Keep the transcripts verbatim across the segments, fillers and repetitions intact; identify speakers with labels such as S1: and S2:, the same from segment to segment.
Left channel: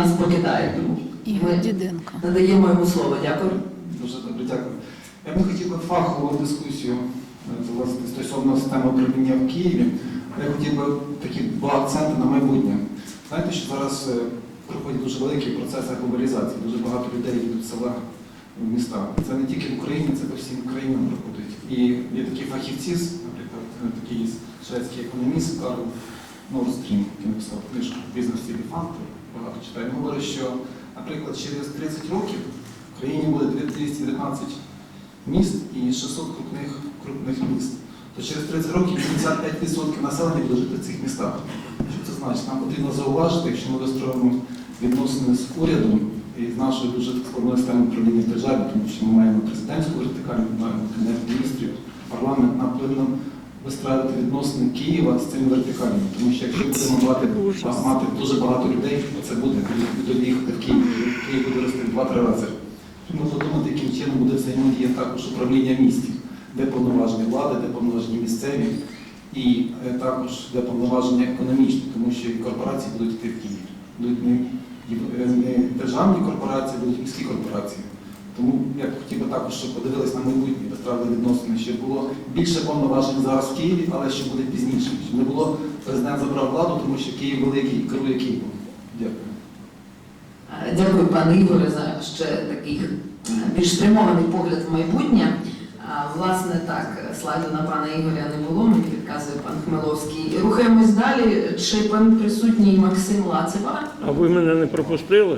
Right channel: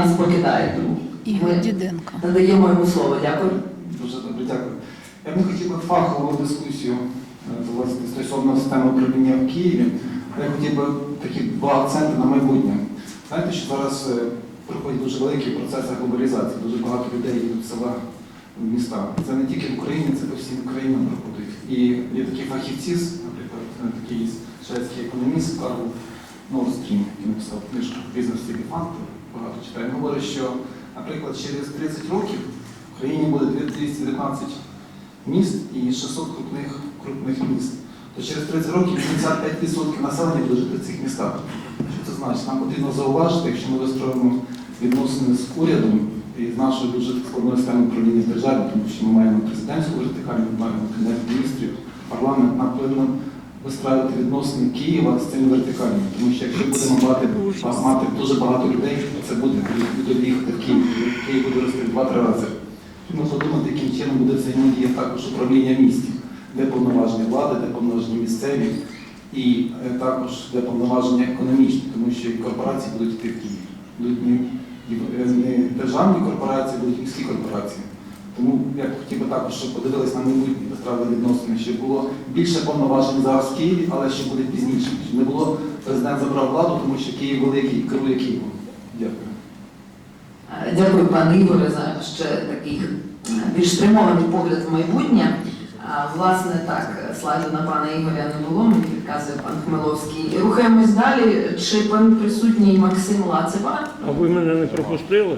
S1: нас покидає. Тому
S2: Ігор Діденко.
S1: надаємо йому слово. Дякую.
S3: Дуже добре, дякую. Я б хотів би фахову дискусію власне, стосовно системи управління в Києві. Я хотів би такі два акценти на майбутнє. Знаєте, що зараз проходять дуже великий процес глобалізації, дуже багато людей їдуть з села в міста. Це не тільки в Україні, це по всім країнам проходить. І є такі фахівці, наприклад, такий шведський економіст Карл Норстрім, який написав книжку «Бізнес елефанти», багато читає. Він говорить, що, наприклад, через тридцять років в країні буде двісті дев'ятнадцять міст і шістсот крупних, крупних міст. То через тридцять років вісімдесят п'ять відсотків населення буде жити в цих містах. Що це значить? Нам потрібно зауважити, якщо ми вистроїмо відносини з урядом і з нашою дуже складною системою управління держави, тому що ми маємо президентську вертикаль, ми маємо Кабінет міністрів, парламент, нам потрібно вистраювати відносини Києва з цими вертикалями. Тому що якщо будемо мати, мати дуже багато людей, то це буде будуть їхати в Київ. Київ буде рости в два-три рази. Ми подумати, яким чином буде взаємодія також управління містів, де повноваження влади, де повноваження місцеві і е, також де повноваження економічні, тому що і корпорації будуть йти в Київ. Будуть не, не державні корпорації, будуть міські корпорації. Тому я б хотів би також, щоб подивились на майбутнє, вистравили відносини, щоб було більше повноважень зараз в Києві, але ще буде пізніше. Щоб не було, президент забрав владу, тому що Київ великий і керує Києвом. Дякую.
S1: Дякую, пане Ігоре, за ще такий більш стримований погляд в майбутнє. А, власне, так, слайду на пана Ігоря не було, мені підказує пан Хмеловський. Рухаємось далі. Чи пан присутній Максим Лацева?
S4: А ви мене не пропустили?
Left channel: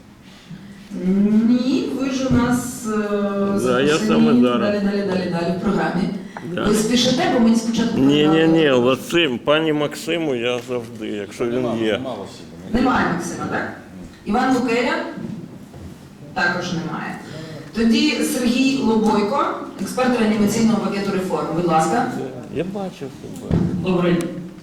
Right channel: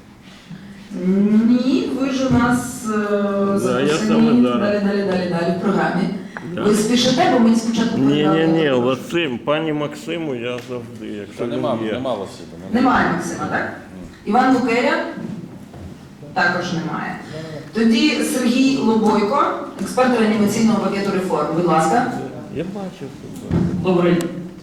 S1: Ні, ви ж у нас е,
S4: Да, я
S1: записані
S4: саме зараз.
S1: далі, далі, далі, далі в програмі.
S4: Да.
S1: Ви спішите, бо мені спочатку
S4: Ні, ні, ні,
S1: передали.
S4: Василь, пані Максиму я завжди, якщо він
S5: Нема,
S4: є.
S5: нема Василя.
S1: Немає Максима, так? Іван Лукеря? Також немає. Тоді Сергій Лобойко, експерт реанімаційного пакету реформ. Будь ласка.
S4: Я бачив тебе.
S6: Добрий